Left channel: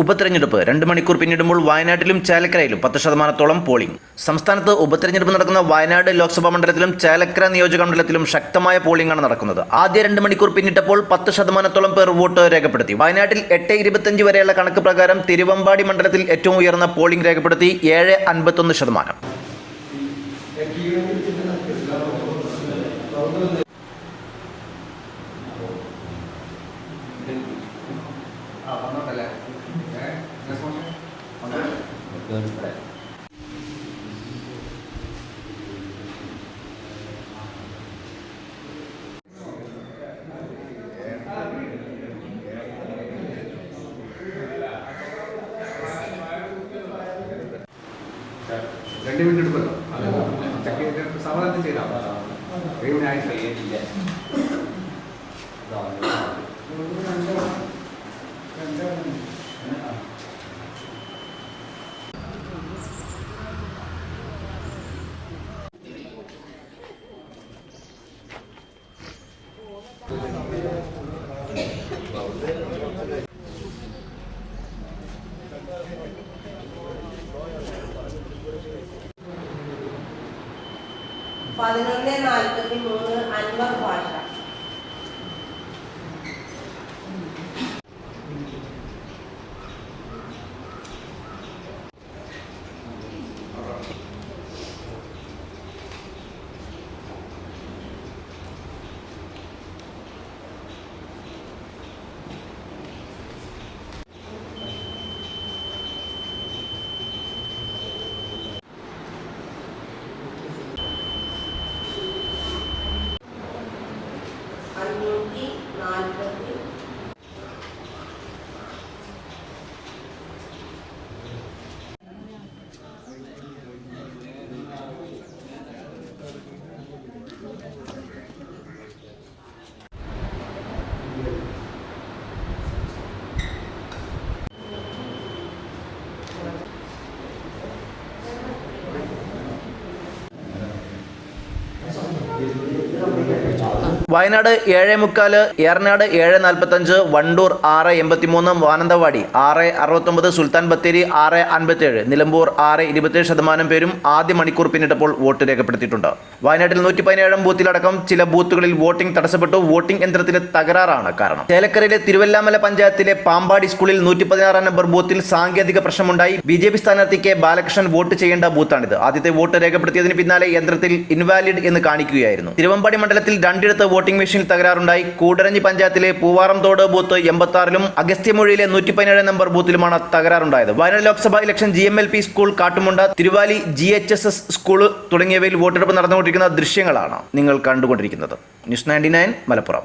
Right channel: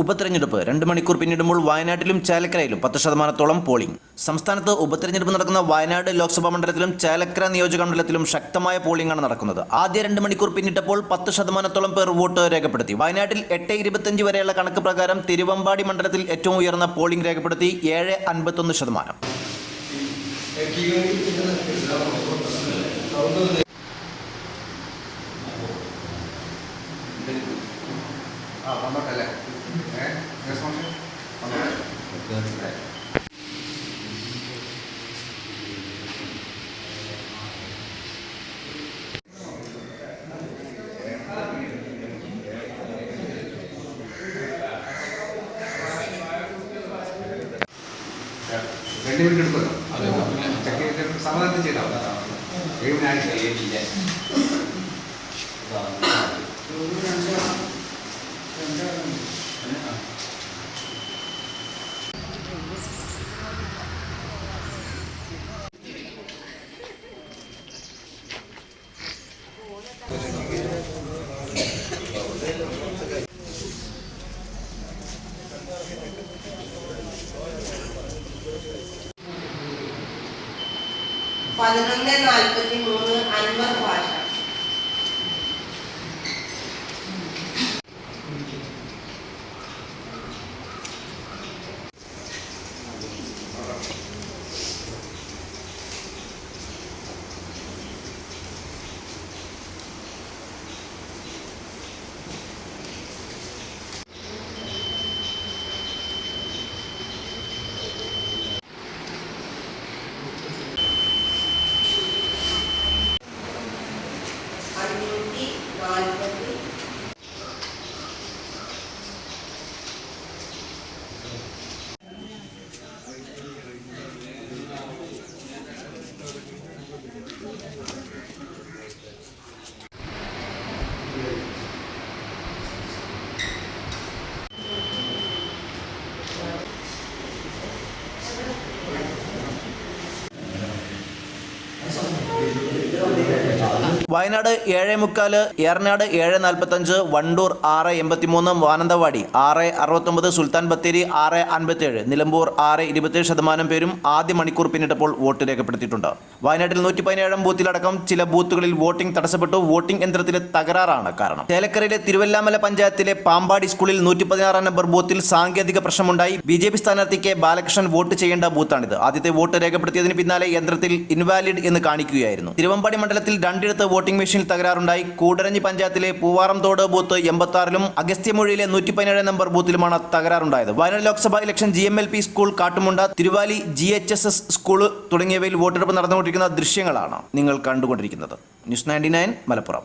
ഉപതെരഞ്ഞെടുപ്പ് 2 മണിക്കൂർ പിന്നിടുമ്പോൾ വയനാട്ടിലും ചേലക്കരയിലും 10% പോളിംഗ്. സംസ്ഥാനത്ത് ഉപതെരഞ്ഞെടുപ്പ് നടക്കുന്ന വയനാട് ലോക്സഭാ മണ്ഡലത്തിലും ചേലക്കര നിയോജക മണ്ഡലത്തിലും ശക്തമായ പോളിംഗാണ് നടക്കുന്നത്. ആദ്യ 2 മണിക്കൂർ പിന്നിട്ടപ്പോൾ 10% പേർ വോട്ട് രേഖപ്പെടുത്തി. വയനാട്ടിൽ 8:25 വരെയുള്ള കണക്ക് പ്രകാരം തിരുവമ്പാടി മണ്ഡലത്തിൽ ഏറ്റവും ഉയർന്ന പോളിംഗ് രേഖപ്പെടുത്തി 7.51%. സമാധാനം ചെയ്താൽ അൻവർ ഭാഷ. വയനാട് 7:45, ഏറനാട് 7:45, വണ്ടൂർ 6:83, മാനന്തവാടി 6:69, സുൽത്താൻ ബത്തേരി 6:57, നിലമ്പൂർ 6:27% പേരും ആദ്യ മണിക്കൂർ പിന്നിട്ടപ്പോൾ വോട്ട് രേഖപ്പെടുത്തിയിട്ടുണ്ട്. വയനാട്ടിൽ 117 ബൂത്തിലടക്കം ചില ബൂത്തുകളിൽ വോട്ടിംഗ് തടസ്സപ്പെട്ടു. വോട്ടിംഗ് യന്ത്രത്തിലെ തകരാറാണ് കാരണം. ചേലക്കരയിലെ തിരുവല്ലാമല പഞ്ചായത്തിലെ പാമ്പാടി സ്കൂളിൽ 116 നമ്പർ ബൂത്തിൽ സാങ്കേതിക പ്രശ്നമുണ്ടായി. BJP സ്ഥാനാർത്ഥി കെ ബാലകൃഷ്ണൻ വോട്ട് ചെയ്യേണ്ട ബൂത്താണിത്. ആദ്യത്തെ വോട്ട് രേഖപ്പെടുത്തിയതിന് പിന്നാലെ യന്ത്രത്തിൽ ഇൻവാലിഡ് എന്ന് കാണിക്കുകയായിരുന്നു. തിരുവമ്പാടി മണ്ഡലത്തിൽ രണ്ടിടത്ത് വോട്ടിംഗ് മെഷീനിൽ തകരാറുണ്ടായി. കൂടരഞ്ഞി പഞ്ചായത്തിലെ പൂവാറംതോട് ബൂത്ത് 86-ലും അഗസ്ത്യമൊഴിയിലെ 117 നമ്പർ ബൂത്തിലുമാണ് തകരാറുണ്ടായത്. Wayanad Lok Sabha election GMLP school, Kattumunda, Thiruvali GHSS school തുടങ്ങിയവയിൽ വോട്ടെടുപ്പ് നടന്നുകൊണ്ടിരിക്കുന്ന ദൃശ്യങ്ങളാണ് നിങ്ങൾ കണ്ടുകൊണ്ടിരിക്കുന്നത്. ന്യൂസ് 99 മലപ്പുറം.